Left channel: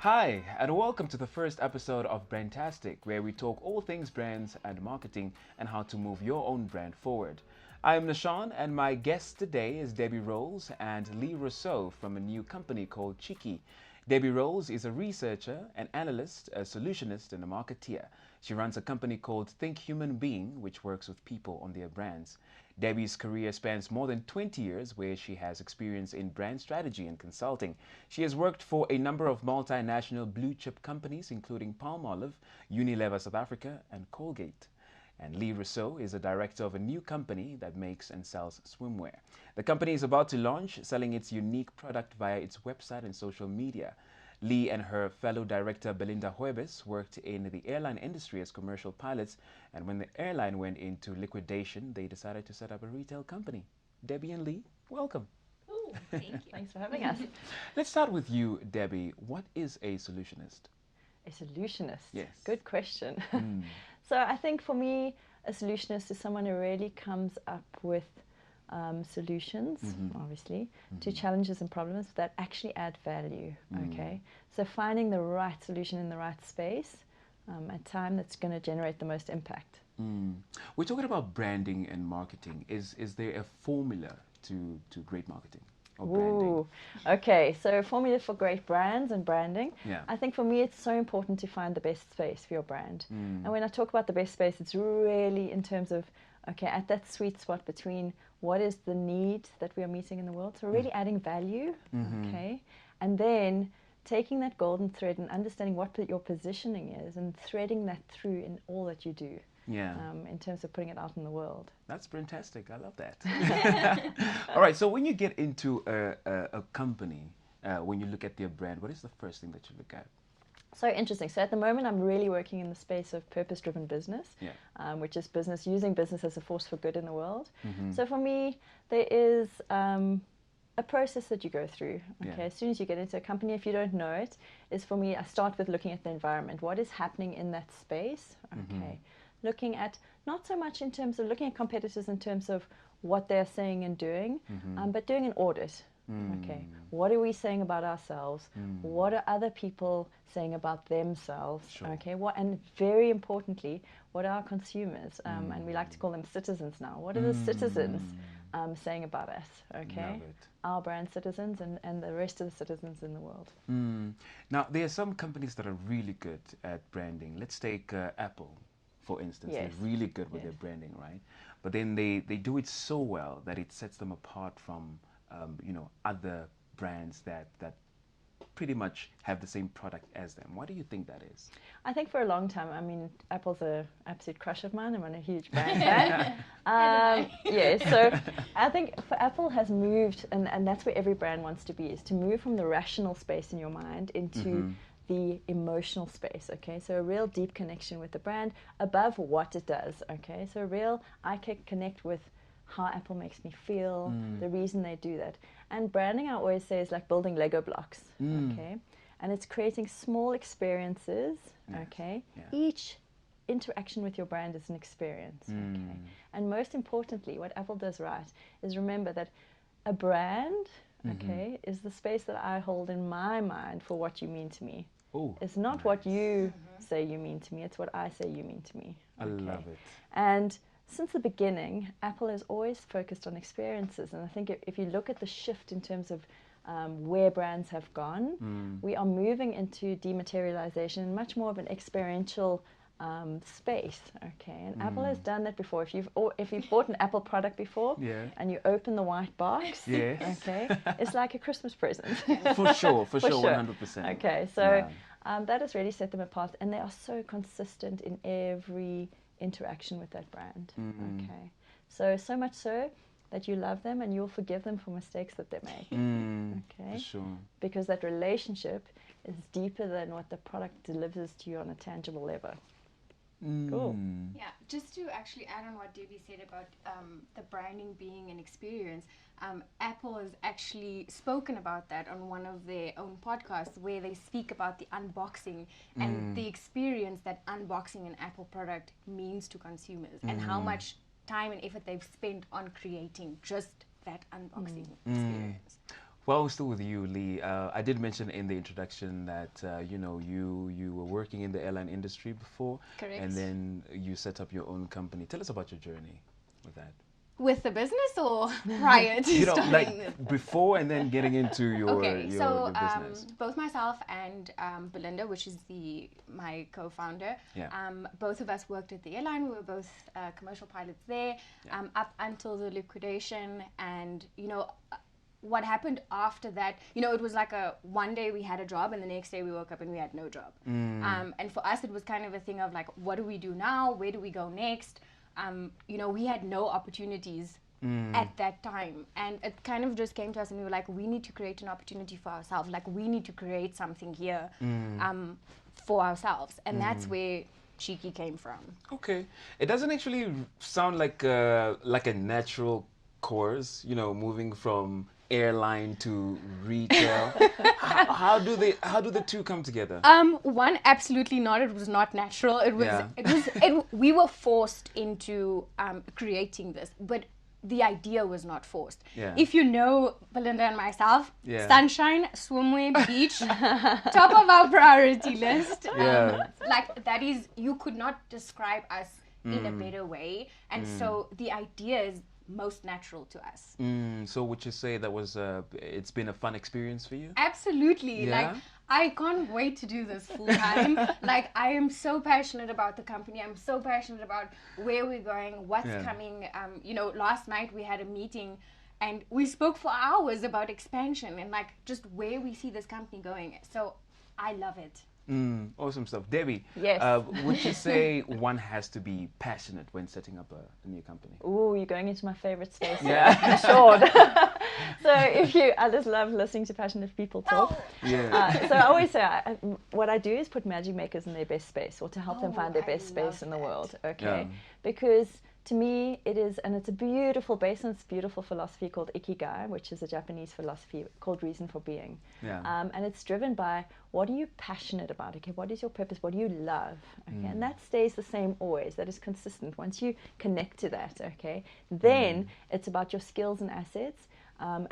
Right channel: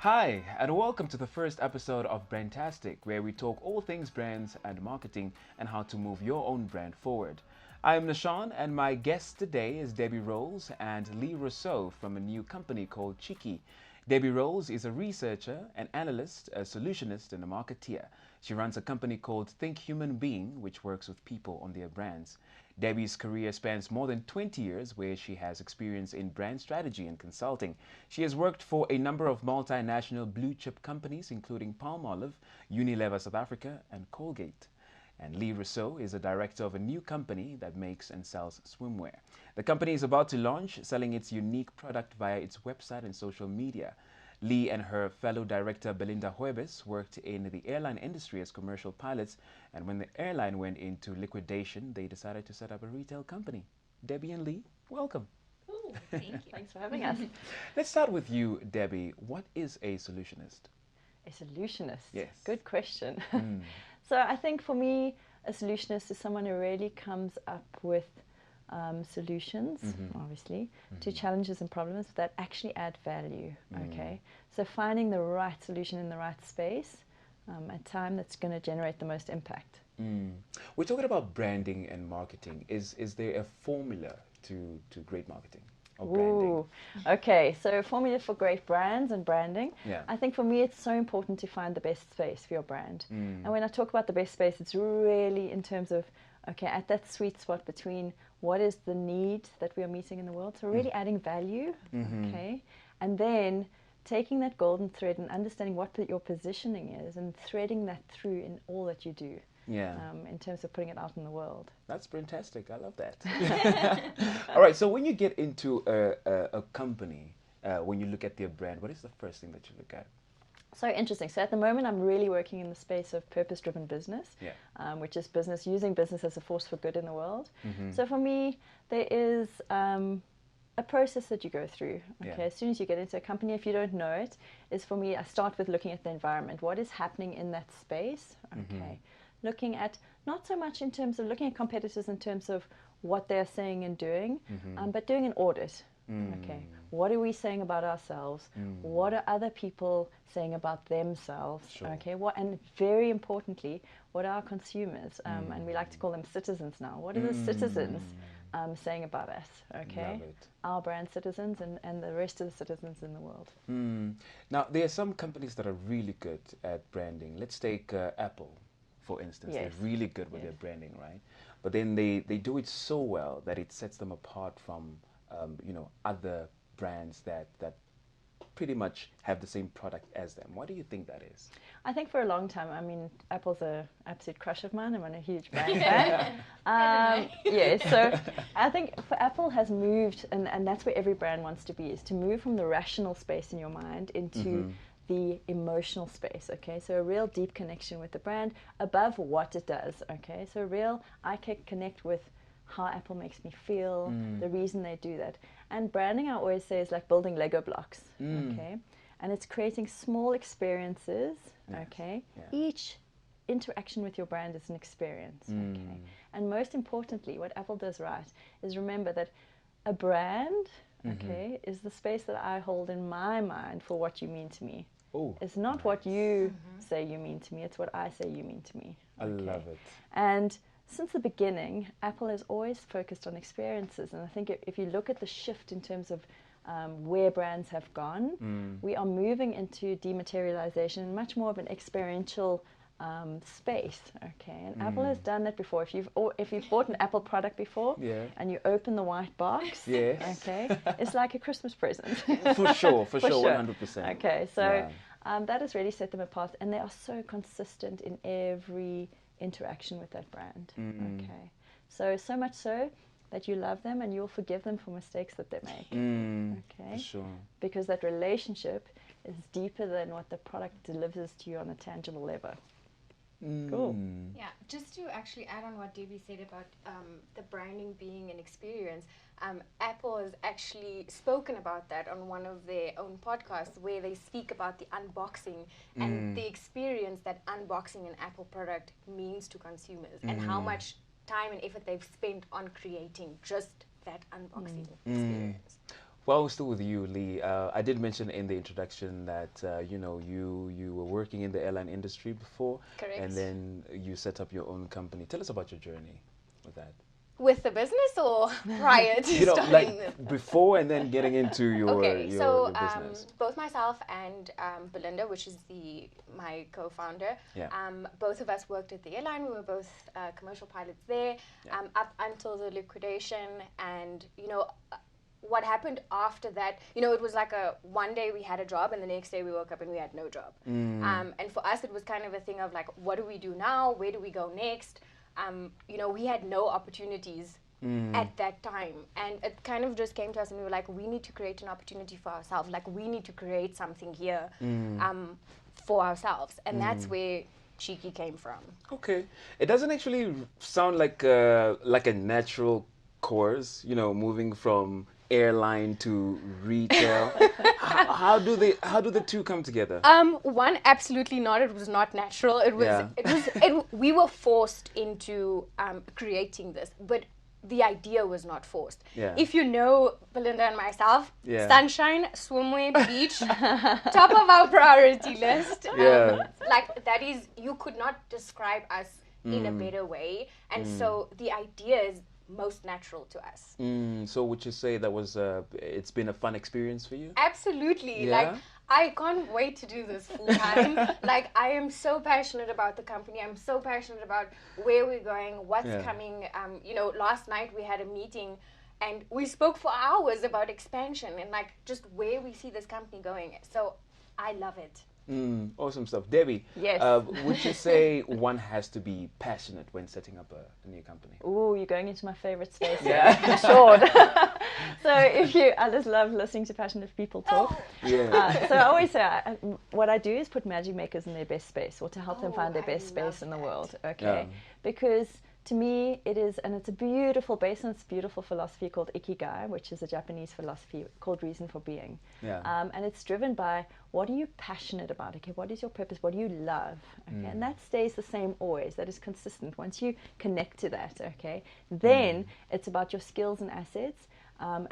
Hi, and welcome to the first episode of Tastic, where we talk all things brands and marketing and how to move your own brand forward. I am Nashawn, and my guest today is Debbie Rowles and Li Rossouw from a new company called Cheeky. Debbie Rowles is a researcher, an analyst, a solutionist, and a marketeer. She runs a company called Think Human Being, which works with people on their brands. Debbie's career spans more than 20 years, where she has experience in brand strategy and consulting. She has worked for a number of multinational blue chip companies, including Palmolive, Unilever South Africa, and Colgate. And Li Rossouw is a director of a new company that makes and sells swimwear. The company is about to launch, selling its unique product via its website and social media. Lee and her fellow director Belinda Huebes worked in the airline industry as commercial pilots, and when the airline went into liquidation, they decided to set up a retail company. Debbie and Lee, welcome. Ooh, thank you. Thanks for having us. Let's start with you, Debbie. What is a solutionist? A solutionist? Yes. Good question. Mm. So I think for me, a solutionist is someone who really comes up with solutions, obviously, to challenges and problems that actually add value. Okay, so finding the right solution in the right space at time that's going to generate the most impact. We're talking about branding and marketing. Is there a formula to great marketing or branding? Ooh. Okay, so formula for great brands and branding. Yeah. I think for me it's so important to find the best space for your brand. And when I talk about the best space, it's really in terms of, okay, at that sweet spot between what is the need that we are meeting in the world, so really adding value, okay, and then taking that golden thread and understanding what your positioning is and threading that through in all that you do. Yeah. In terms of putting it out in the world. That's fantastic. I love that. All right. So when you get into a company, when you look at their brand, what is the first thing that you look at? So interesting. So at the moment, I'm really working in the space of purpose-driven business, Yeah. Which is business using business as a force for good in the world. So for me, there is a process that you go through. Okay? Yeah. As soon as you get into a company, if you don't know it, is for me, I start with looking at the environment. What is happening in that space? Okay. Looking at not so much in terms of looking at competitors in terms of what they're saying and doing, but doing an audit. Okay. What are we saying about ourselves? What are other people saying about themselves? Sure. Okay. And very importantly, what are our consumers? And we like to call them citizens now. What are the citizens saying about us? Okay. Love it. Our brand citizens and the rest of the citizens in the world. Now, there are some companies that are really good at branding. Let's take Apple, for instance. Yes. They're really good with their branding, right? But then they do it so well that it sets them apart from other brands that pretty much have the same product as them. Why do you think that is? I think for a long time, I mean, Apple's an absolute crush of mine. I'm a huge fan. As am I. Yeah, so I think for Apple has moved, and that's where every brand wants to be, is to move from the rational space in your mind into the emotional space, okay? So a real deep connection with the brand above what it does, okay? So I can connect with how Apple makes me feel, the reason they do that. And branding, I always say, is like building Lego blocks, okay? And it's creating small experiences, okay? Yeah. Each interaction with your brand is an experience. And most importantly, what Apple does right is remember that a brand, okay, is the space that I hold in my mind for what you mean to me. Oh, it's not nice. what you say you mean to me, it's what I say you mean to me. I love it. And since the beginning, Apple has always focused on experiences. And I think if you look at the shift in terms of where brands have gone, we are moving into dematerialization, much more of an experiential space. Okay, and Apple has done that before. If you've bought an Apple product before, and you open the white box, yes, okay, it's like a Christmas present. for sure, 100%. Okay, so that has really set them apart, and they are so consistent in every interaction with that brand. Okay, so much so that you love them and you'll forgive them for mistakes that they make. Okay? For sure. Because that relationship is deeper than what the product delivers to you on a tangible level. Cool. Yeah, just to actually add on what Debbie said about the branding being an experience, Apple has actually spoken about that on one of their own podcasts where they speak about the unboxing and the experience that unboxing an Apple product means to consumers and how much time and effort they've spent on creating just that unboxing experience. While we're still with you, Lee, I did mention in the introduction that you were working in the airline industry before, Correct. and then you set up your own company. Tell us about your journey with that. With the business or prior to starting? Like before and then getting into your so business. Both myself and Belinda, which is my co-founder, Yeah. Both of us worked at the airline. We were both commercial pilots there, Yeah. Up until the liquidation, and what happened after that, it was like one day we had a job and the next day we woke up and we had no job. And for us, it was kind of a thing of like, what do we do now? Where do we go next? We had no opportunities at that time. And it kind of just came to us and we were like, we need to create an opportunity for ourselves. Like, we need to create something here for ourselves. And that's where Cheeky came from. Okay. It doesn't actually sound like a natural course, moving from airline to retail. how do the two come together? One, absolutely not. It was not natural. It was we were forced into creating this, but the idea was not forced. Yeah. If you know Belinda and myself, Yeah. sunshine, swimwear, beach, top of our priority list. Yeah. Like that is, you could not describe us in a better way. And so the idea is most natural to us. So would you say that was it's been a fun experience for you? Absolutely. Yeah? Like, I can't wait to do this full time. Like, I am so passionate about the company. I'm so passionate about where we're going, what's coming. Last night we had a meeting and we spoke for hours about expansion and like just where we see this company going. So I love it. Awesome stuff. Debbie, Yes. would you say one has to be passionate when setting up a new company? Ooh, you're going into my favorite space. Yeah. Sure. So I just love listening to passionate people talk. Oh. Yeah. So I always say, what I do is put magic makers in their best space, or to help them find their I best love space in the that. world. Okay. Yeah. Because to me, it is, and it's based on this beautiful philosophy called Ikigai, which is a Japanese philosophy called reason for being. Yeah. And it's driven by, what are you passionate about? Okay, what is your purpose? What do you love? Okay, and that stays the same always. That is consistent. Once you connect to that, okay, then it's about your skills and assets.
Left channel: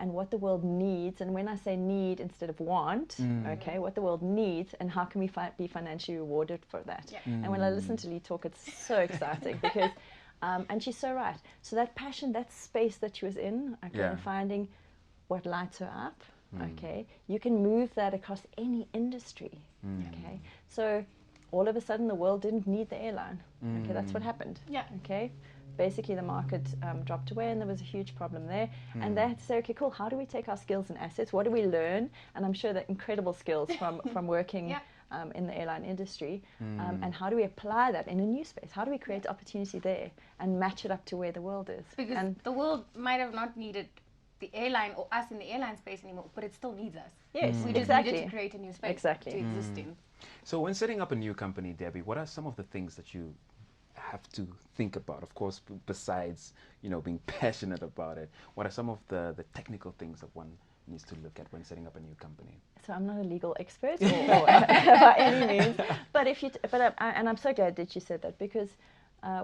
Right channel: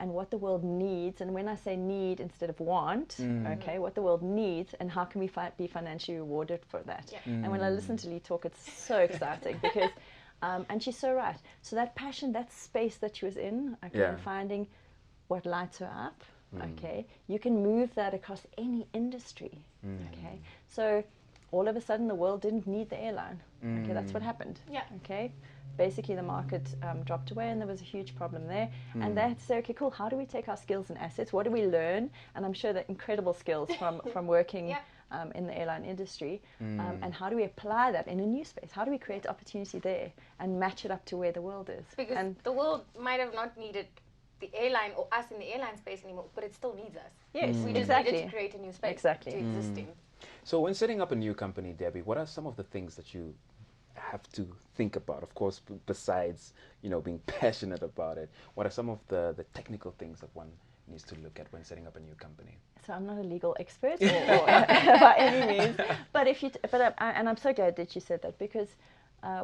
And what the world needs, and when I say need instead of want, okay, what the world needs, and how can we be financially rewarded for that? Yeah. And when I listen to Lee talk, it's so exciting because, and she's so right. So that passion, that space that she was in, okay, finding what lights her up, okay, you can move that across any industry. Okay, so all of a sudden the world didn't need the airline. Okay, that's what happened. Yeah. Okay. Basically, the market dropped away, and there was a huge problem there. And that's okay, cool. How do we take our skills and assets? What do we learn? And I'm sure that incredible skills from working in the airline industry. And how do we apply that in a new space? How do we create opportunity there and match it up to where the world is? Because the world might have not needed the airline or us in the airline space anymore, but it still needs us. Yes, We just exactly. needed to create a new space to exist in. So when setting up a new company, Debbie, what are some of the things that you have to think about? Of course, besides being passionate about it, what are some of the technical things that one needs to look at when setting up a new company? So I'm not a legal expert, by any means. But and I'm so glad that you said that, because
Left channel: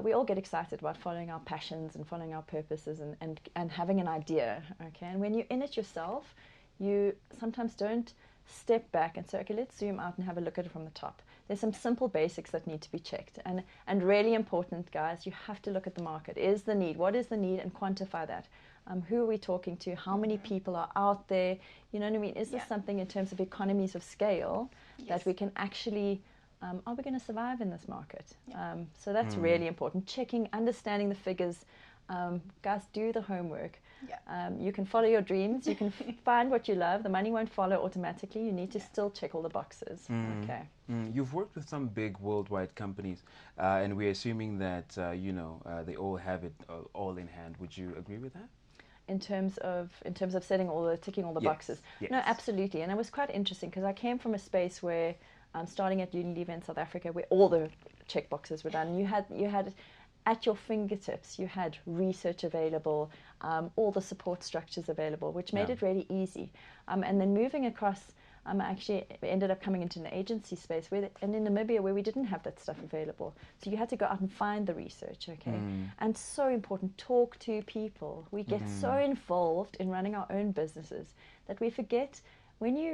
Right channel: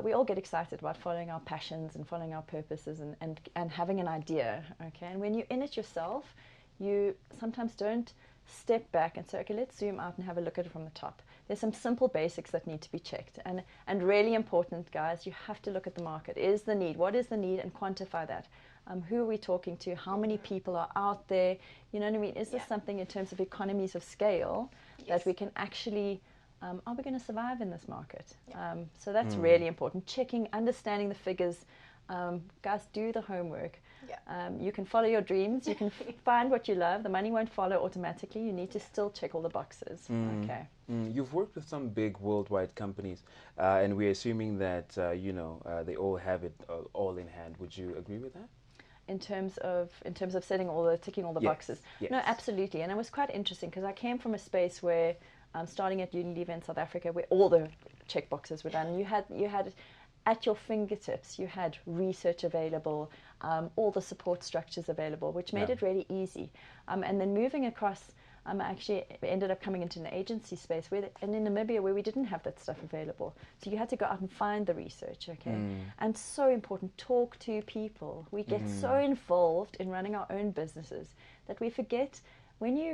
we all get excited about following our passions and following our purposes and having an idea. Okay, and when you're in it yourself, you sometimes don't step back and say, okay, let's zoom out and have a look at it from the top. There's some simple basics that need to be checked, and really important, guys. You have to look at the market. Is the need? What is the need? And quantify that. Who are we talking to? How many people are out there? You know what I mean? Is this something in terms of economies of scale that we can actually? Are we going to survive in this market? So that's really important. Checking, understanding the figures. Guys, do the homework. You can follow your dreams. You can find what you love. The money won't follow automatically. You need to still check all the boxes. Okay. You've worked with some big worldwide companies, and we're assuming that they all have it all in hand. Would you agree with that? In terms of ticking all the boxes. Yes. No, absolutely. And it was quite interesting because I came from a space where, starting at Unilever in South Africa, where all the check boxes were done. You had at your fingertips. You had research available. All the support structures available, which made it really easy. And then moving across, I actually ended up coming into an agency space and in Namibia where we didn't have that stuff available. So you had to go out and find the research, okay? And so important, talk to people. We get so involved in running our own businesses that we forget when you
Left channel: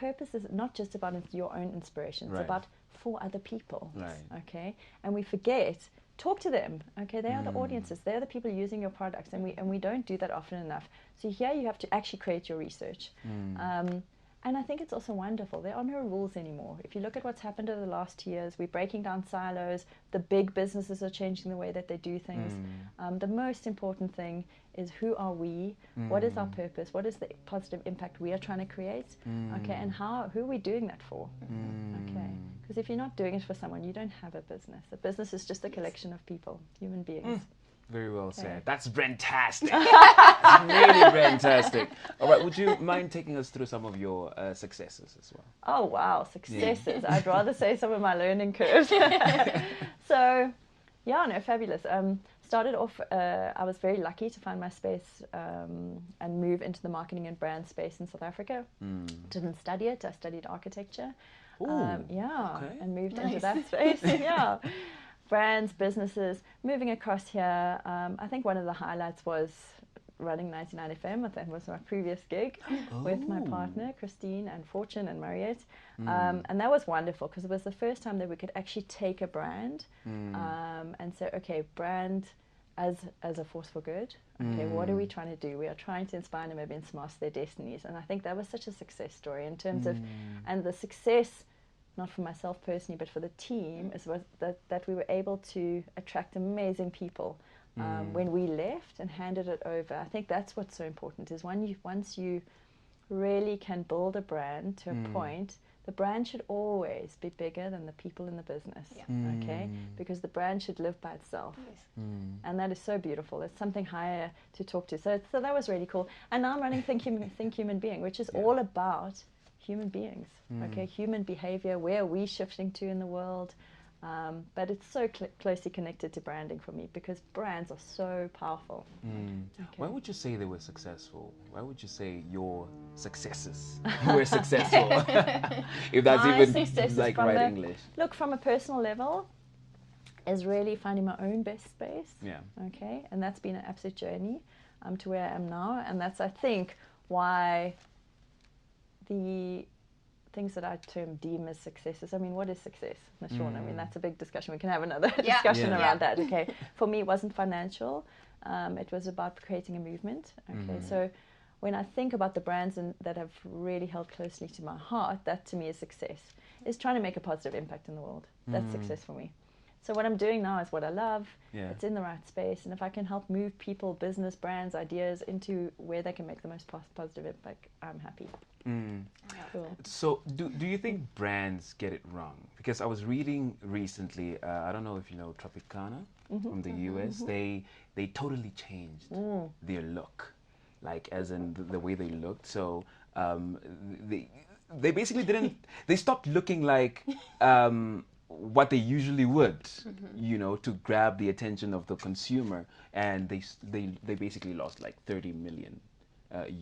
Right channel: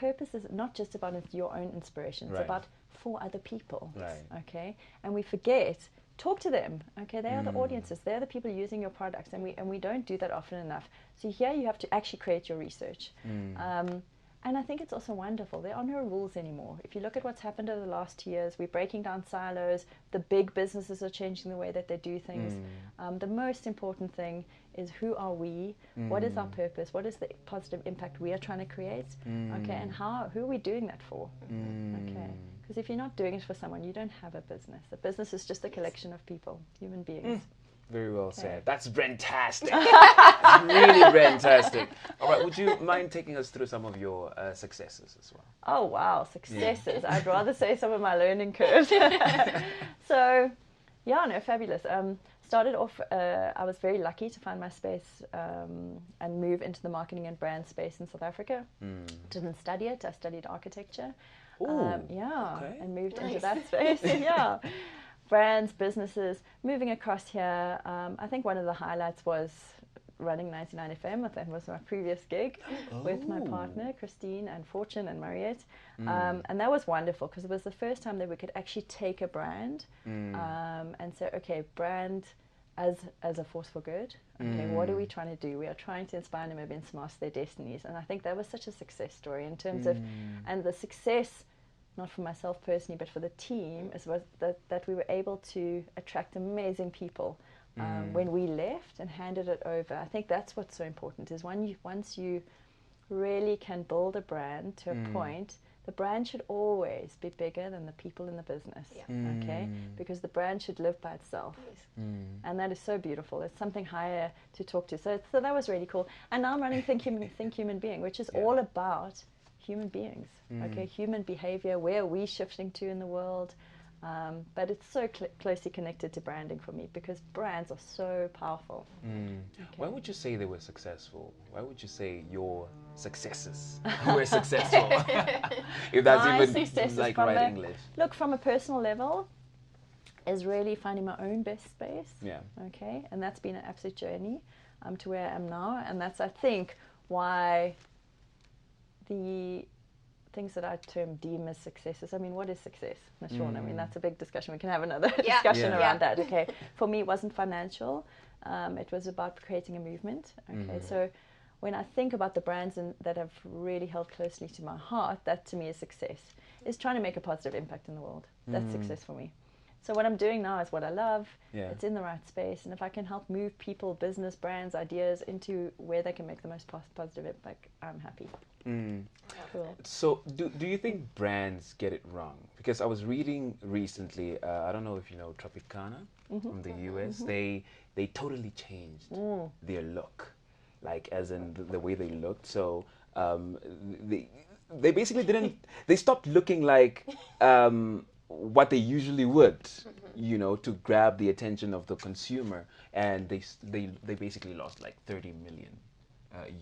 purpose is not just about your own inspiration, it's Right. about for other people. Right. Okay, and we forget. Talk to them. Okay, they are the audiences. They're the people using your products, and we don't do that often enough. So here you have to actually create your research. And I think it's also wonderful. There are no rules anymore. If you look at what's happened over the last 2 years, we're breaking down silos. The big businesses are changing the way that they do things. The most important thing is who are we? What is our purpose? What is the positive impact we are trying to create? Okay, and who are we doing that for? Okay, because if you're not doing it for someone, you don't have a business. A business is just a collection of people, human beings. Very well said. That's fantastic. That's really fantastic. All right, would you mind taking us through some of your successes as well? Oh wow, successes! I'd rather say some of my learning curves. So, yeah, no, fabulous. Started off, I was very lucky to find my space and move into the marketing and brand space in South Africa. Didn't study it. I studied architecture. Okay. And moved into that space. Yeah. Brands, businesses, moving across here. I think one of the highlights was running 99 FM. I think it was my previous gig with my partner, Christine, and Fortune and Mariette. And that was wonderful because it was the first time that we could actually take a brand and say, okay, brand as a force for good. What are we trying to do? We are trying to inspire Namibians to master their destinies. And I think that was such a success story in terms of, and the success, not for myself personally, but for the team, is that we were able to attract amazing people when we left and handed it over. I think that's what's so important, is once you really can build a brand to a point, the brand should always be bigger than the people in the business. Okay? Because the brand should live by itself. And that is so beautiful. It's something higher to talk to. So that was really cool. And now I'm running Think Human Being, which is all about human beings. Okay, human behavior, where are we shifting to in the world? But it's so closely connected to branding for me, because brands are so powerful. Why would you say they were successful? Why would you say your successes were successful? If that's even like right English. Look, from a personal level, is really finding my own best space. Okay, and that's been an absolute journey to where I am now, and that's, I think, why the things that I deem as successes. I mean, what is success? I mean, that's a big discussion. We can have another discussion about that. Okay, for me, it wasn't financial. It was about creating a movement. Okay, so when I think about the brands that have really held closely to my heart, that to me is success. Is trying to make a positive impact in the world. That's success for me. So what I'm doing now is what I love. It's in the right space, and if I can help move people, business, brands, ideas into where they can make the most positive impact, I'm happy. So do you think brands get it wrong? Because I was reading recently, I don't know if you know Tropicana from the US. They totally changed their look, like as in the way they looked. So they basically didn't. They stopped looking like what they usually would, you know, to grab the attention of the consumer, and they basically lost like 30 million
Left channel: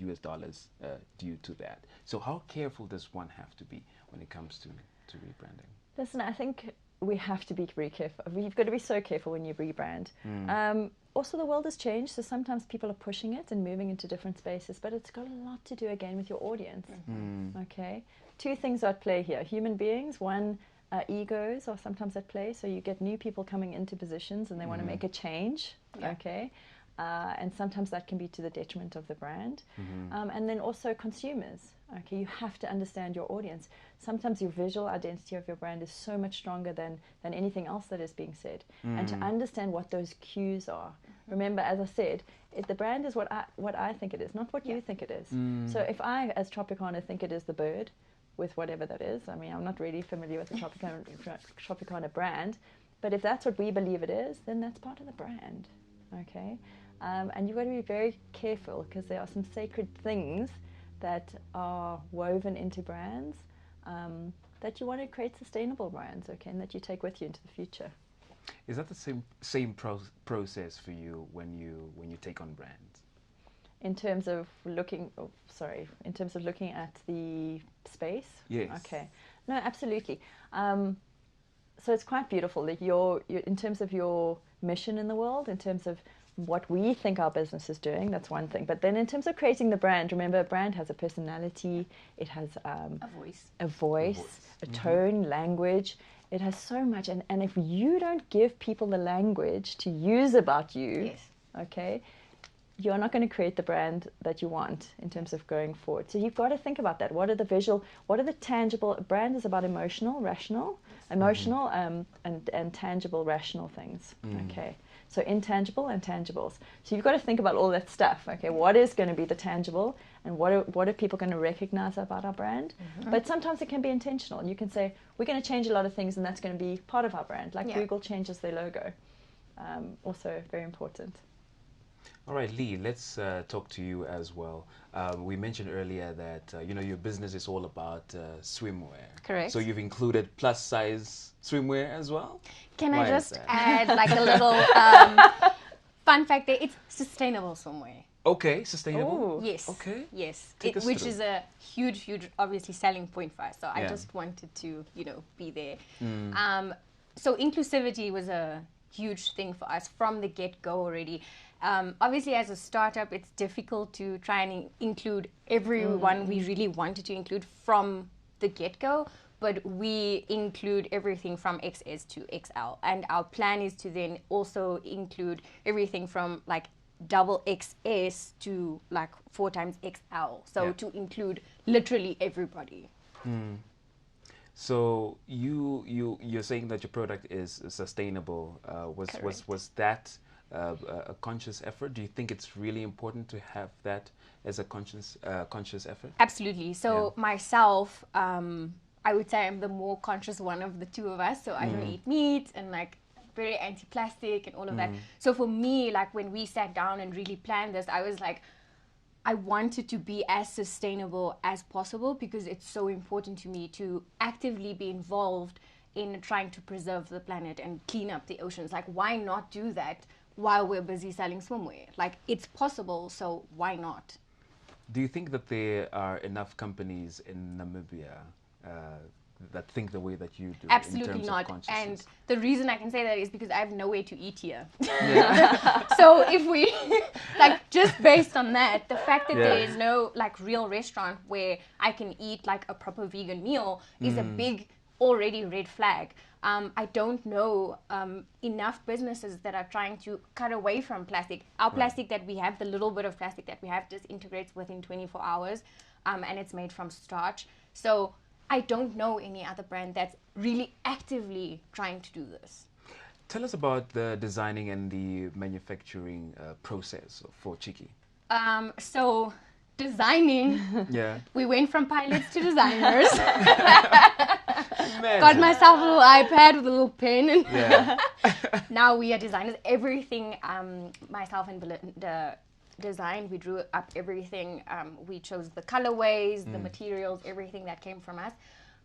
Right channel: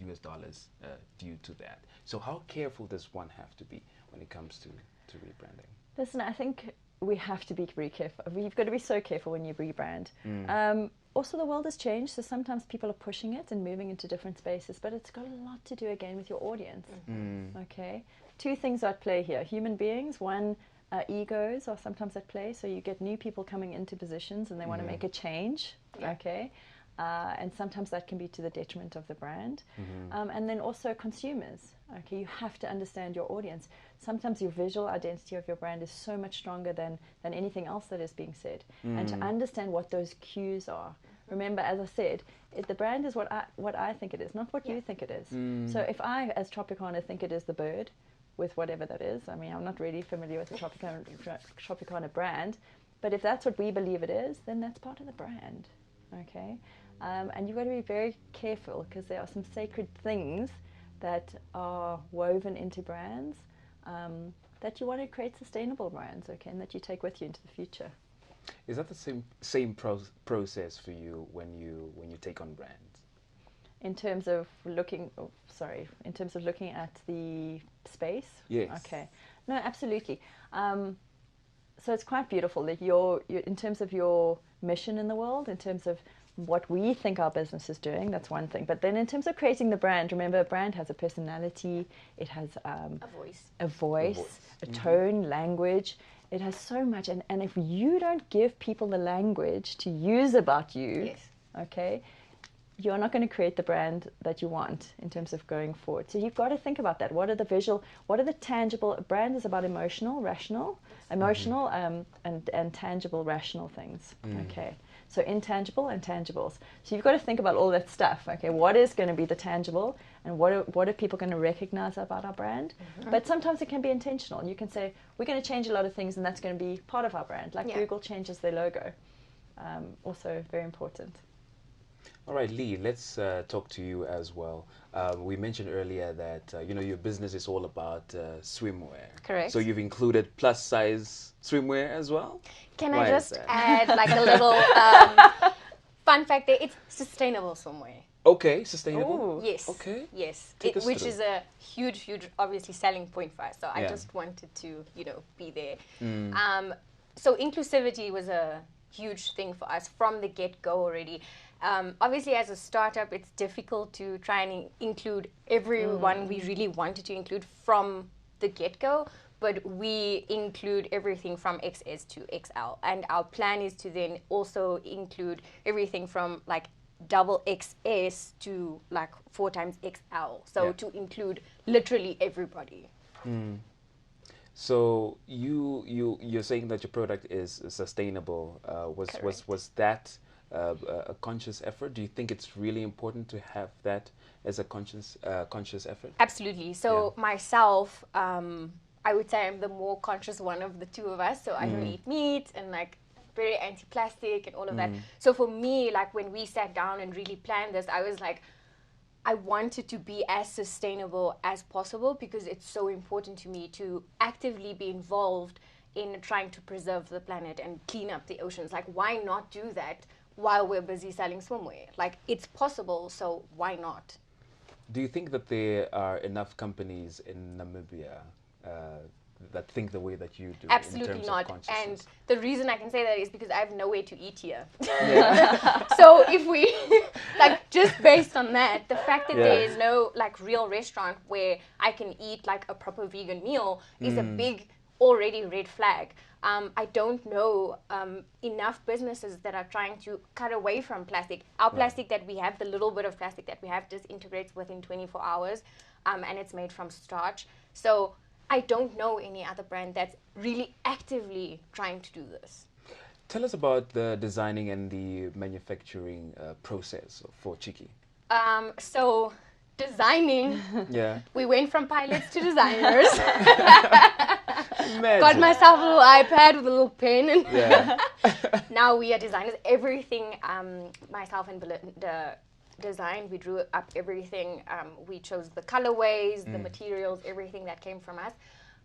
US dollars due to that. So how careful does one have to be when it comes to rebranding? Listen, I think we have to be very careful. You've got to be so careful when you rebrand. Also, the world has changed, so sometimes people are pushing it and moving into different spaces, but it's got a lot to do again with your audience. Okay, two things at play here: human beings. One, egos are sometimes at play. So you get new people coming into positions and they want to make a change. Okay. And sometimes that can be to the detriment of the brand. And then also consumers. Okay, you have to understand your audience. Sometimes your visual identity of your brand is so much stronger than anything else that is being said. And to understand what those cues are. Remember, as I said, the brand is what I think it is, not what you think it is. So if I, as Tropicana, think it is the bird, with whatever that is, I mean, I'm not really familiar with the Tropicana brand, but if that's what we believe it is, then that's part of the brand. Okay. And you've got to be very careful, because there are some sacred things that are woven into brands that you want to create sustainable brands, okay, and that you take with you into the future. Is that the same process for you when you take on brands? In terms of looking at the space? Yes. Okay. No, absolutely. So it's quite beautiful that in terms of your mission in the world, in terms of what we think our business is doing, that's one thing. But then in terms of creating the brand, remember, a brand has a personality, it has a voice, a tone, language. It has so much, and if you don't give people the language to use about you, okay, you're not going to create the brand that you want in terms of going forward. So you've got to think about that. What are the visual, what are the tangible, a brand is about emotional, rational, and tangible, rational things, okay. So intangible and tangibles. So you've got to think about all that stuff, okay. What is going to be the tangible, and what are people going to recognize about our brand? But sometimes it can be intentional. You can say, we're going to change a lot of things, and that's going to be part of our brand. Like Google changes their logo. Also very important. All right, Lee, let's talk to you as well. We mentioned earlier that, your business is all about swimwear. Correct. So you've included plus size swimwear as well? Can I just add like a little fun fact there? It's sustainable swimwear. Okay, sustainable? Yes. Okay. Yes. Which is a huge, obviously, selling point for us. So I just wanted to, be there. So inclusivity was a huge thing for us from the get-go already. Obviously, as a startup, it's difficult to try and include everyone we really wanted to include from the get-go, but we include everything from XS to XL. And our plan is to then also include everything from like double XS to like 4 times XL. So to include literally everybody. So you're saying that your product is sustainable. Was that a conscious effort? Do you think it's really important to have that as a conscious effort? Absolutely. So myself, I would say I'm the more conscious one of the two of us. So I don't eat meat and like very anti-plastic and all of that. So for me, like when we sat down and really planned this, I was like, I wanted to be as sustainable as possible because it's so important to me to actively be involved in trying to preserve the planet and clean up the oceans. Like, why not do that while we're busy selling swimwear? Like, it's possible, so why not? Do you think that there are enough companies in Namibia that think the way that you do? Absolutely in terms not. Of consciousness? And the reason I can say that is because I have nowhere to eat here. Yeah. So if we, like, just based on that, the fact that there is no, like, real restaurant where I can eat, like, a proper vegan meal is a big, already red flag. I don't know enough businesses that are trying to cut away from plastic. Our plastic that we have, the little bit of plastic that we have, disintegrates within 24 hours, and it's made from starch. So I don't know any other brand that's really actively trying to do this. Tell us about the designing and the manufacturing process for Chiki. So designing, we went from pilots to designers. Got myself a little iPad with a little pen. And now we are designers. Everything, myself and Belinda designed. We drew up everything. We chose the colorways, the materials, everything that came from us.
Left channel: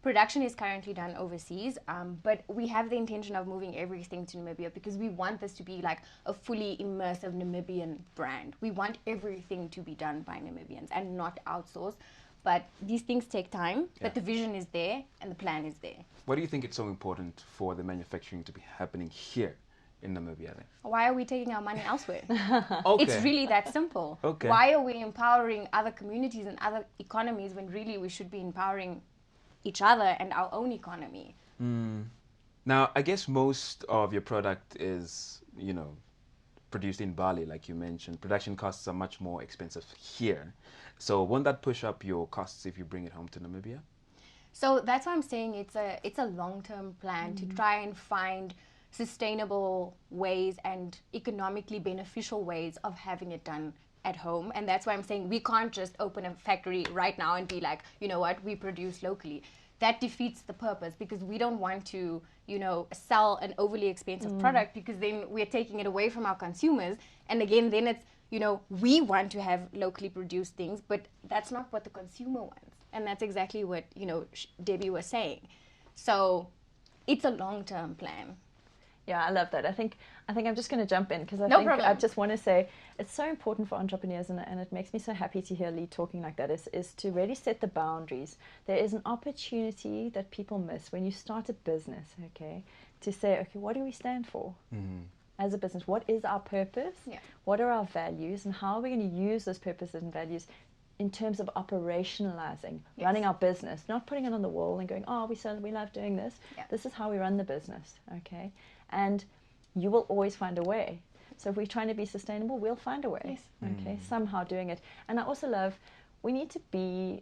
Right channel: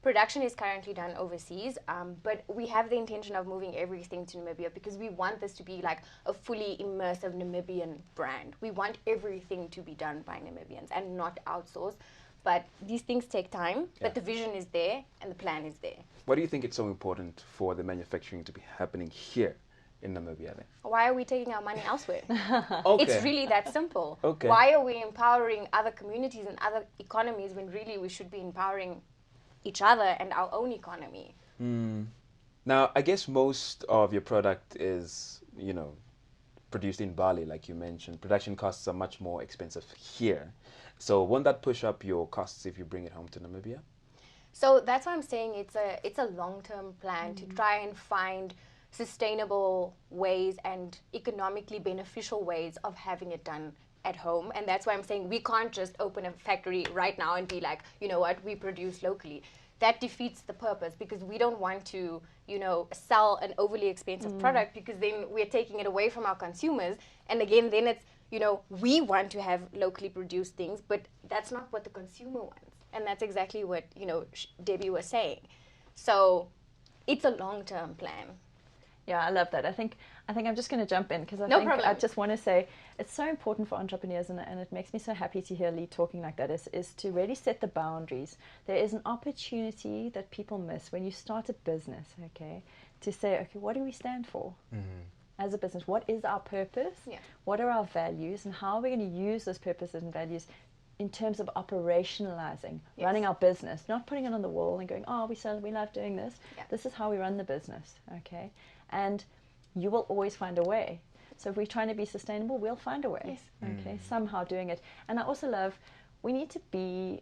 Production is currently done overseas, but we have the intention of moving everything to Namibia because we want this to be like a fully immersive Namibian brand. We want everything to be done by Namibians and not outsourced. But these things take time, but the vision is there and the plan is there. Why do you think it's so important for the manufacturing to be happening here in Namibia then? Why are we taking our money elsewhere? Okay. It's really that simple. Okay. Why are we empowering other communities and other economies when really we should be empowering each other and our own economy? Now, I guess most of your product is, produced in Bali, like you mentioned. Production costs are much more expensive here. So won't that push up your costs if you bring it home to Namibia? So that's why I'm saying it's a long-term plan to try and find sustainable ways and economically beneficial ways of having it done at home. And that's why I'm saying we can't just open a factory right now and be like, you know what, we produce locally. That defeats the purpose because we don't want to, sell an overly expensive product because then we're taking it away from our consumers. And again, then it's, we want to have locally produced things, but that's not what the consumer wants. And that's exactly what, Debbie was saying. So it's a long-term plan. Yeah, I love that. I think I'm just going to jump in because I just want to say it's so important for entrepreneurs, and it makes me so happy to hear Lee talking like that, is to really set the boundaries. There is an opportunity that people miss when you start a business, okay, to say, okay, what do we stand for? as a business, what is our purpose? Yeah. What are our values? And how are we going to use those purposes and values in terms of operationalizing, running our business, not putting it on the wall and going, oh, we love doing this. Yeah. This is how we run the business, okay? And you will always find a way. So if we're trying to be sustainable, we'll find a way. Yes. Okay, somehow doing it. And I also love, we need to be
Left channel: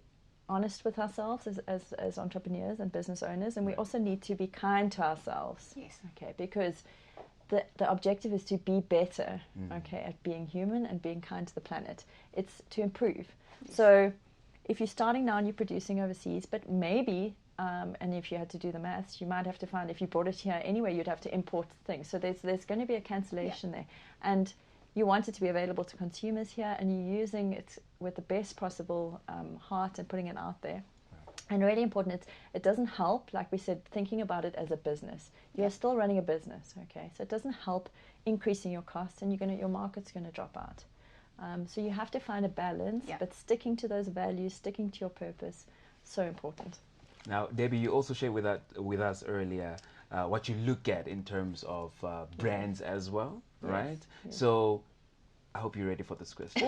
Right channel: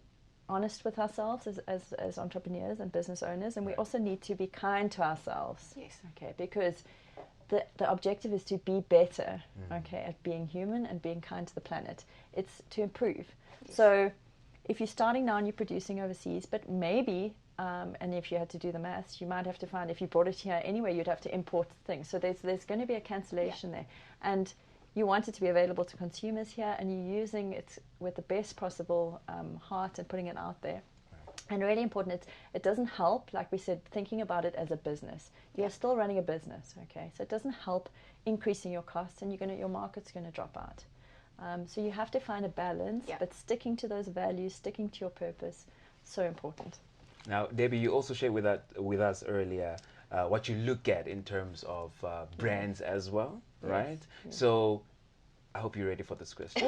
honest with ourselves as entrepreneurs and business owners, and we also need to be kind to ourselves. Yes. Okay, because the objective is to be better, okay, at being human and being kind to the planet. It's to improve. Yes. So if you're starting now and you're producing overseas, but maybe, and if you had to do the maths, you might have to find, if you brought it here anyway, you'd have to import things. So there's going to be a cancellation there. And you want it to be available to consumers here, and you're using it with the best possible heart and putting it out there. Right. And really important, it doesn't help, like we said, thinking about it as a business. You're still running a business, okay? So it doesn't help increasing your costs, and your market's going to drop out. So you have to find a balance, but sticking to those values, sticking to your purpose, so important. Now, Debbie, you also shared with us earlier what you look at in terms of brands as well, right? So I hope you're ready for this question.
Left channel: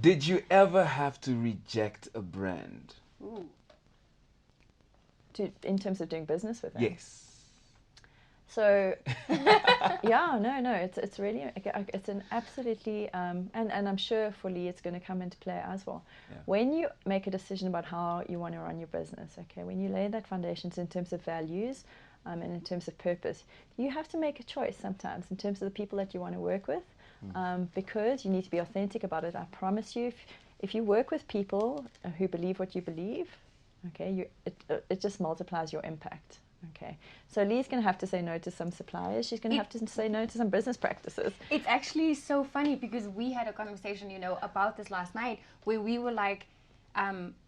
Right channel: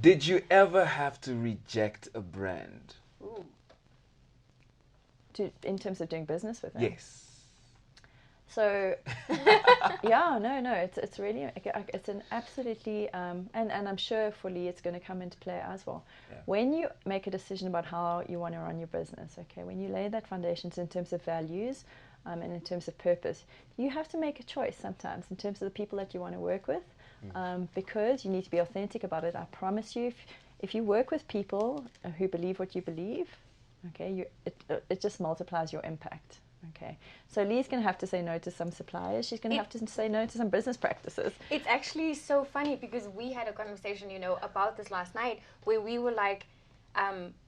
Did you ever have to reject a brand? Ooh. In terms of doing business with them? Yes. So, it's really, it's an absolutely, and I'm sure for Lee it's going to come into play as well. Yeah. When you make a decision about how you want to run your business, okay, when you lay that foundations in terms of values and in terms of purpose, you have to make a choice sometimes in terms of the people that you want to work with, because you need to be authentic about it. I promise you, if you work with people who believe what you believe, okay, it just multiplies your impact. Okay. So Lee's going to have to say no to some suppliers. She's going to have to say no to some business practices. It's actually so funny because we had a conversation, about this last night where we were like,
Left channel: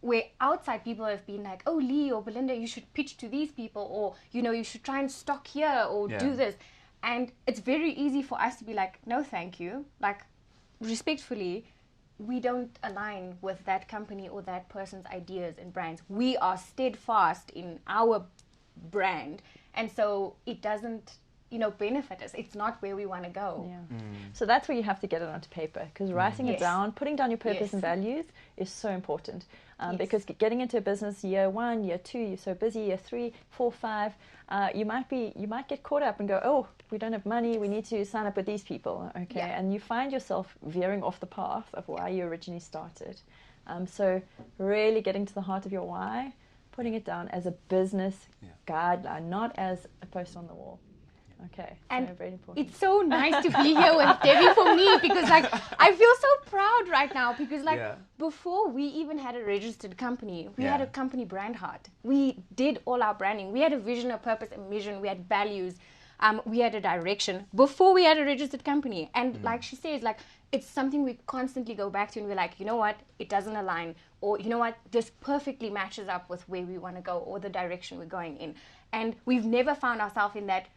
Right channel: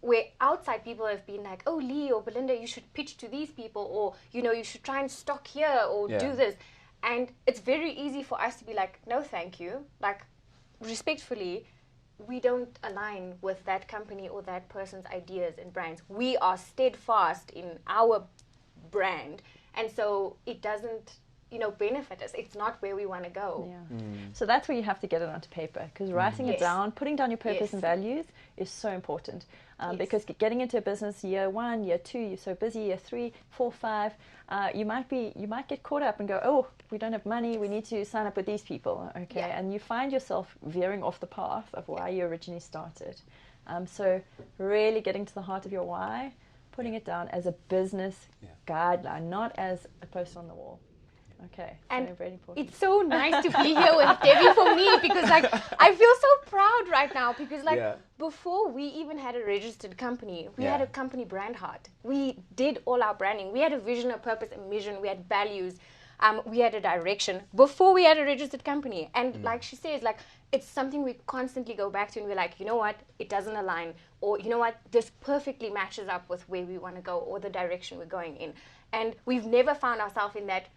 where outside people have been like, oh, Lee or Belinda, you should pitch to these people, or, you should try and stock here or do this. And it's very easy for us to be like, no, thank you. Like, respectfully, we don't align with that company or that person's ideas and brands. We are steadfast in our brand. And so it doesn't, benefit us. It's not where we want to go. Yeah. So that's where you have to get it onto paper, because writing it down, putting down your purpose and values is so important. Because getting into a business year 1, year 2, you're so busy, year 3, 4, 5, you might get caught up and go, oh, we don't have money, we need to sign up with these people. Okay, and you find yourself veering off the path of why you originally started. So really getting to the heart of your why, putting it down as a business guideline, not as a post on the wall. Okay. And it's so nice to be here with Debbie for me, because I feel so proud right now, because before we even had a registered company, we had a company brand heart. We did all our branding. We had a vision, a purpose, a mission. We had values. We had a direction before we had a registered company. And like she says, it's something we constantly go back to, and we're like, you know what, it doesn't align, or you know what, this perfectly matches up with where we want to go or the direction we're going in. And we've never found ourselves in that,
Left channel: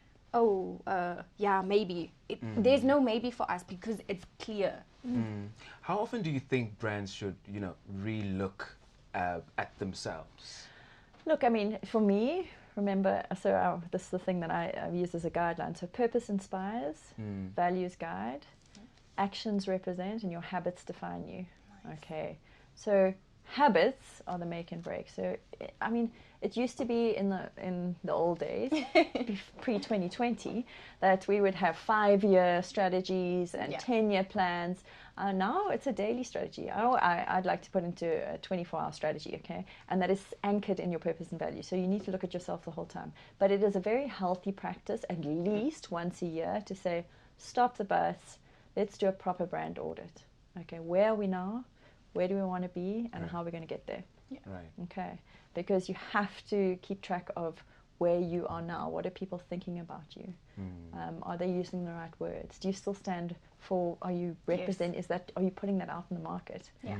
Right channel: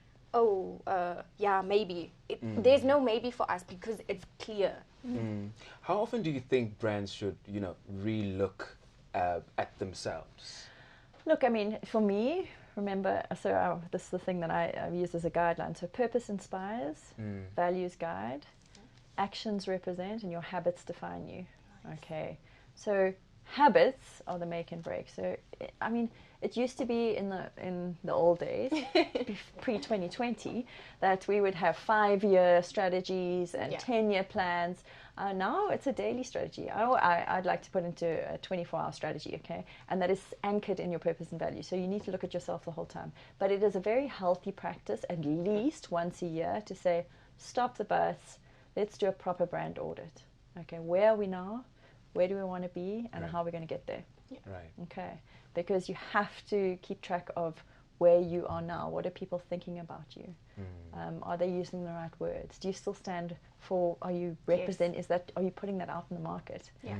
maybe. There's no maybe for us, because it's clear. How often do you think brands should, re-look at themselves? Look, I mean, for me, remember, this is the thing that I've used as a guideline. So purpose inspires, values guide, actions represent, and your habits define you. Nice. Okay, so habits are the make and break. So I mean, it used to be in the old days, pre-2020, that we would have 5-year strategies and 10-year plans. Now it's a daily strategy. I'd like to put into a 24-hour strategy, okay? And that is anchored in your purpose and value. So you need to look at yourself the whole time. But it is a very healthy practice, at least once a year, to say, stop the bus, let's do a proper brand audit. Okay, where are we now? Where do we want to be? And how are we going to get there? Yeah. Right. Okay, because you have to keep track of where you are now. What are people thinking about you? Are they using the right words? Do you still stand for? Are you represent? Are you putting that out in the market? Yeah.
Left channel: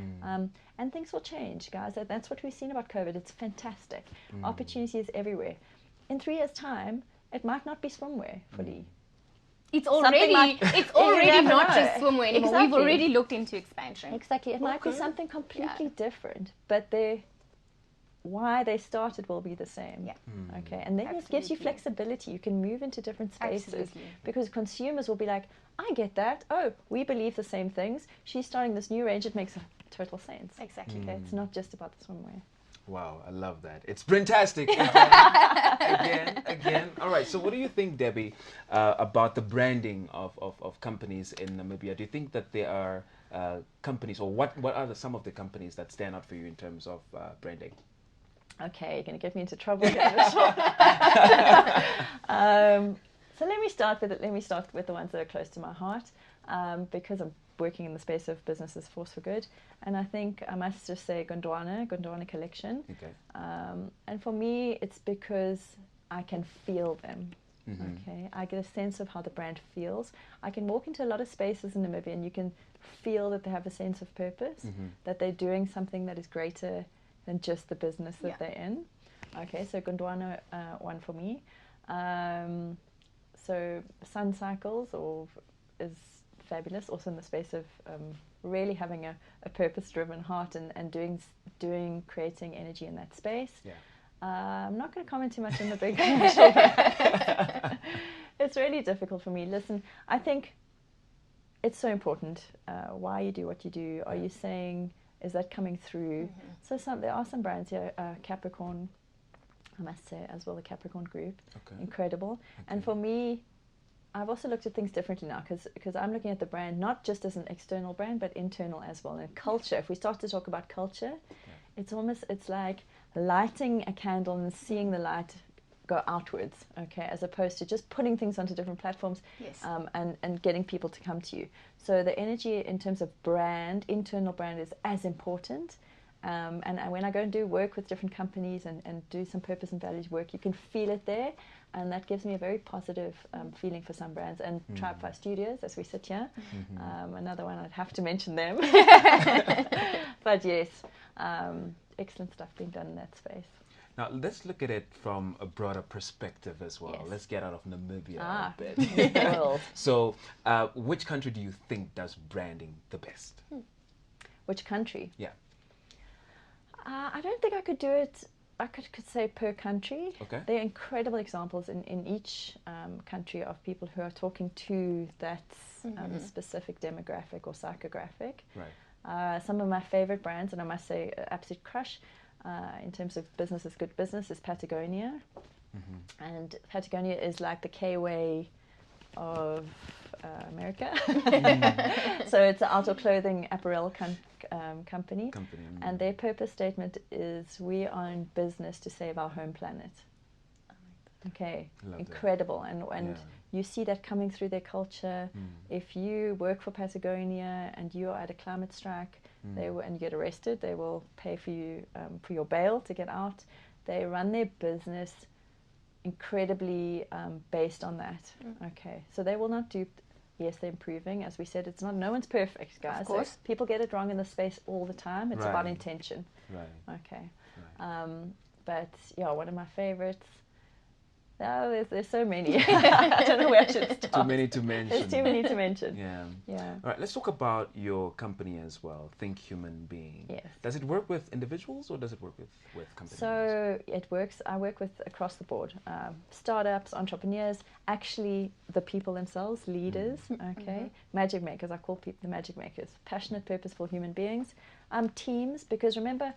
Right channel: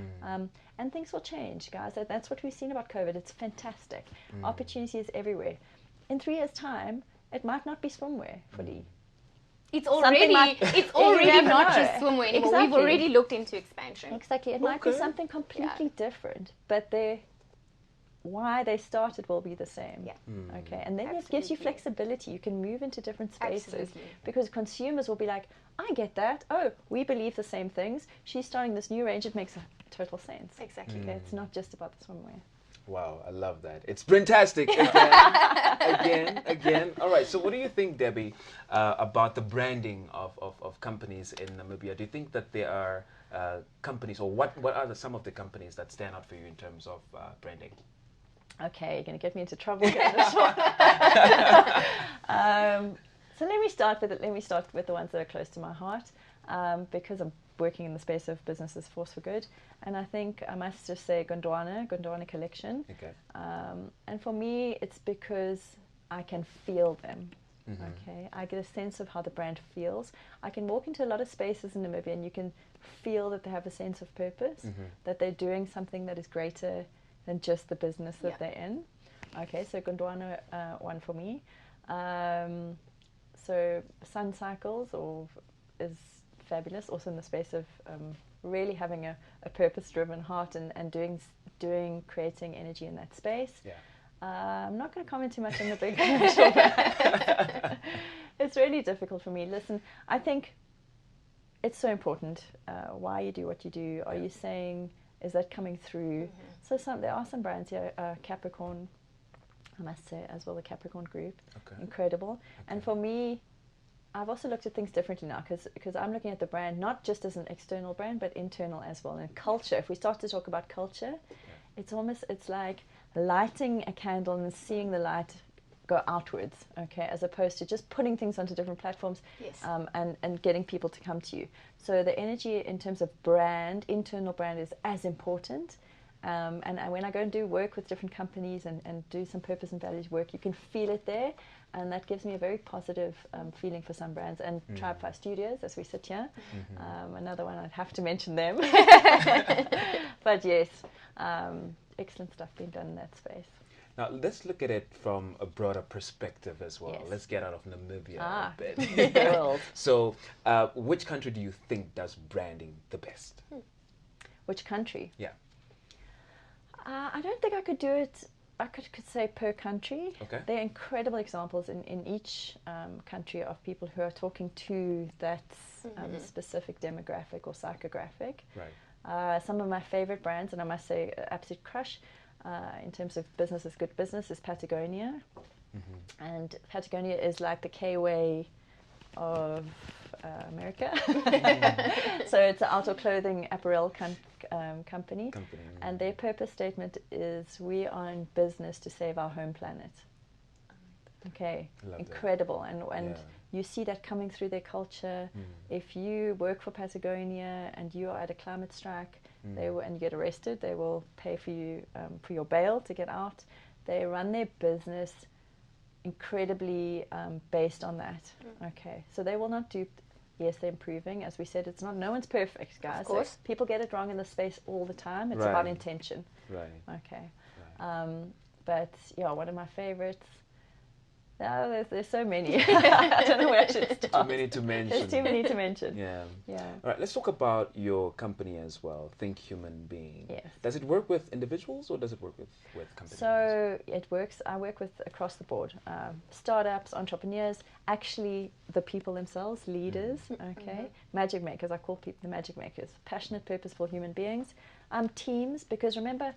And things will change, guys. That's what we've seen about COVID. It's fantastic. Opportunities everywhere. In 3 years' time, it might not be swimwear for me. It's already not just swimwear anymore. Exactly. We've already looked into expansion. Exactly. It might be something completely different, but why they started will be the same. Yeah. Okay, and then it gives you Absolutely. flexibility. You can move into different spaces. Absolutely. Because consumers will be like, I get that. Oh, we believe the same things. She's starting this new range. It makes a total sense. Exactly. It's not just about the swimwear. Wow, I love that. It's Brandtastic again. All right, so what do you think, Debbie, about the branding of companies in Namibia? Do you think that there are companies, or what are some of the companies that stand out for you in terms of branding? Okay, you're going to get me into trouble. So let me start with the ones that are close to my heart, because I'm working in the space of businesses force for good. And I think I must just say Gondwana Collection. Okay. And for me, it's because I can feel them. Mm-hmm. Okay, I get a sense of how the brand feels. I can walk into a lot of spaces in Namibia and you can feel that they have a sense of purpose, that they're doing something that is greater than just the business that they're in. Okay, so Gondwana, one for me. So Sun Cycles is fabulous, also in the space of really having a purpose-driven heart and creating energy in that space. Yeah. I'm not going to comment too much on the big It's really difficult for me. Listen, I think it's so important why you do what you do. Are you saying, is that coming through? So there are some brands here, Capricorn, I must say, as well, the Capricorn group. Okay. Incredible. Okay. And for me, I've also looked at things differently now because I'm looking at the brand not just as an external brand but internal as well. And culture, if we start to talk about culture, it's like lighting a candle and seeing the light go outwards, okay, as opposed to just putting things onto different platforms and getting people to come to you. So the energy in terms of brand, internal brand, is as important. And when I go and do work with different companies and do some purpose and values work, you can feel it there. And that gives me a very positive feeling for some brands. And Tripefly Studios, as we sit here, another one, I'd have to mention them. But yes, excellent stuff being done in that space. Now, let's look at it from a broader perspective as well. Yes. Let's get out of Namibia a bit. So, which country do you think does branding the best? Which country? Yeah. I don't think I could do it. I could say per country. Okay. There are incredible examples in each country of people who are talking to that specific demographic or psychographic. Right. Some of my favorite brands, and I must say, absolute crush in terms of business is good business, is Patagonia. And Patagonia is like the K-Way of America. So it's an outdoor clothing apparel company. And their purpose statement is, we are in business to save our home planet. Okay, incredible. And you see that coming through their culture. If you work for Patagonia and you are at a climate strike and you get arrested, they will pay for you for your bail to get out. They run their business incredibly based on that. Okay, so they will not do. Yes, they're improving. As we said, it's not. No one's perfect, guys. Of course. So people get it wrong in this space all the time. It's about intention. Right. Okay. Right. But yeah, one of my favorites. There's so many. I don't know where I should start. Too many to mention. Too many to mention. Yeah. All right. Let's talk about your company as well. Think Human Being. Yes. Does it work with individuals or does it work with companies? So it works. I work with across the board, startups, entrepreneurs, actually the people themselves, leaders. Okay. Magic makers. I call people the magic makers. Passionate, purposeful human beings. Teams, because remember,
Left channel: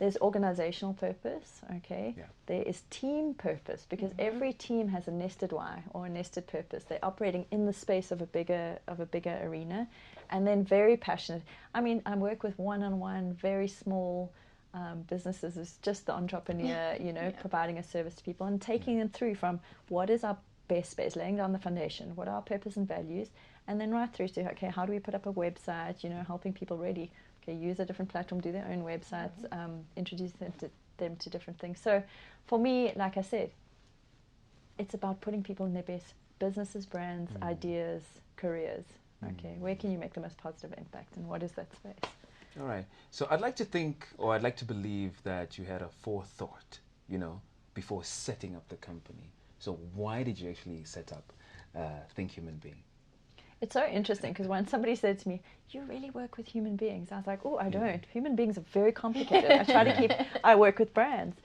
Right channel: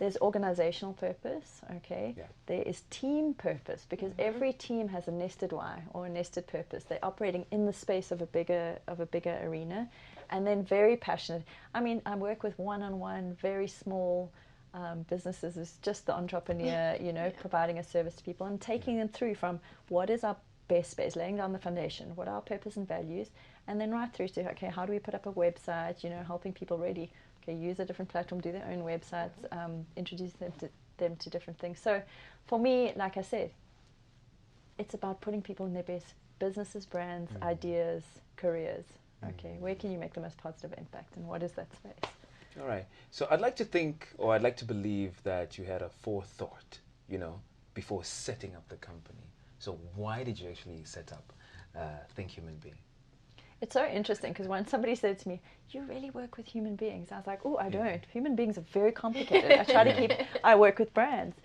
there's organizational purpose, okay? Yeah. There is team purpose, because every team has a nested why or a nested purpose. They're operating in the space of a bigger arena, and then very passionate. I mean, I work with one-on-one, very small businesses as just the entrepreneur, providing a service to people and taking them through from what is our base space, laying down the foundation, what are our purpose and values, and then right through to, okay, how do we put up a website, helping people really use a different platform, do their own websites, introduce them to different things. So for me, like I said, it's about putting people in their best businesses, brands, ideas, careers. Okay, where can you make the most positive impact, and what is that space? All right. So I'd like to think, or I'd like to believe that you had a forethought, before setting up the company. So why did you actually set up Think Human Being? It's so interesting because when somebody said to me, you really work with human beings? I was like, oh, I don't. Human beings are very complicated. I work with brands.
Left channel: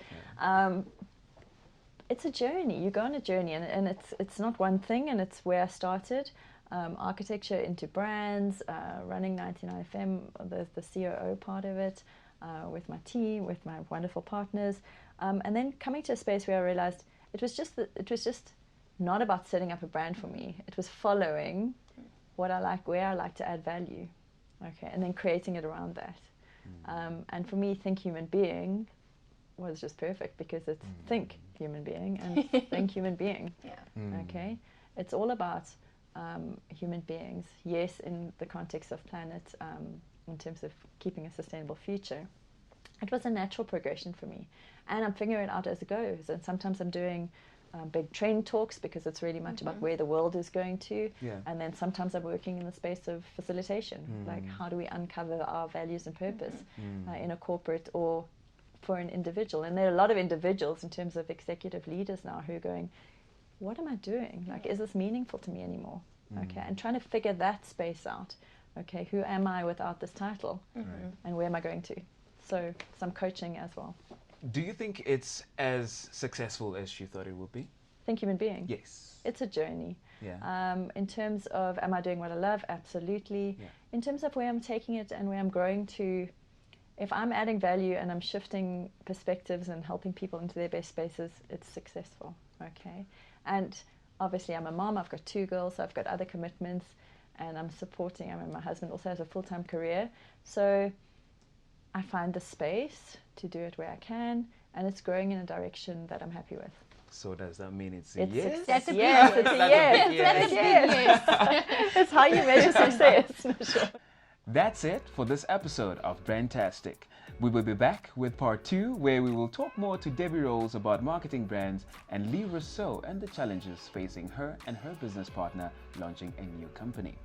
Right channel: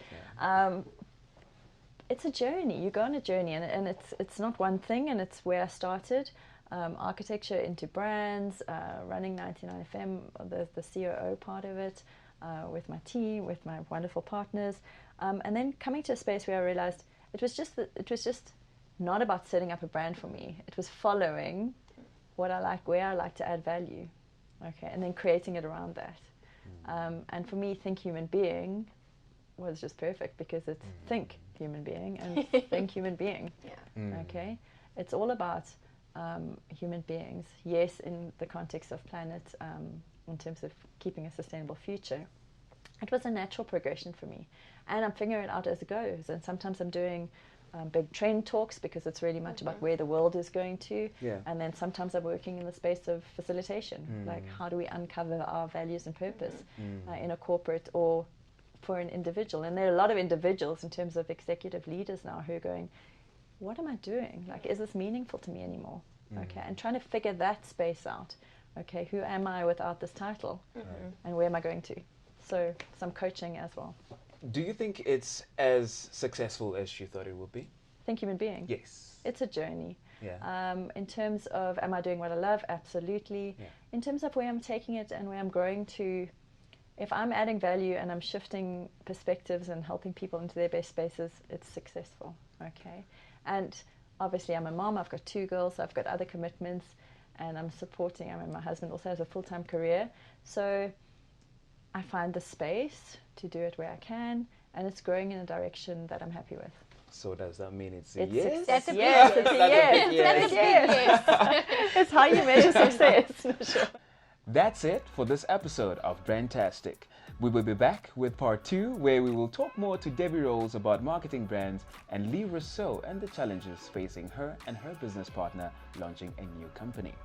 It's a journey. You go on a journey, and it's not one thing, and it's where I started. Architecture into brands, running 99FM, the COO part of it, with my team, with my wonderful partners, and then coming to a space where I realized it was just not about setting up a brand for me. It was following what I like, where I like to add value, and then creating it around that. And for me, Think Human Being was just perfect because it's think human being and think human being. It's all about human beings, yes, in the context of planet, in terms of keeping a sustainable future. It was a natural progression for me, and I'm figuring it out as it goes. And sometimes I'm doing big training talks because it's really much about where the world is going to. And then sometimes I'm working in the space of facilitation, like how do we uncover our values and purpose in a corporate or for an individual. And there are a lot of individuals in terms of executive leaders now who are going, what am I doing? Like, is this meaningful to me anymore? And trying to figure that space out. Who am I without this title? And where am I going to? So some coaching as well. Do you think it's as successful as you thought it would be? Think Human Being? Yes. It's a journey. Yeah. In terms of, am I doing what I love? Absolutely. Yeah. In terms of where I'm taking it and where I'm growing to, if I'm adding value and I'm shifting perspectives and helping people into their best spaces, it's successful. And obviously I'm a mom, I've got 2 girls, I've got other commitments, and I'm supporting, my husband also has a full-time career, so I find the space to do it where I can, and it's growing in a direction that I'm happy with. So does that mean it's a yes? That's a big yes. That's a big yes. That's a big yes. That's how you measure success. That's it for this episode of Brandtastic. We will be back with part 2, where we will talk more to Debbie Rowles about marketing brands and Li Rossouws and the challenges facing her and her business partner launching a new company.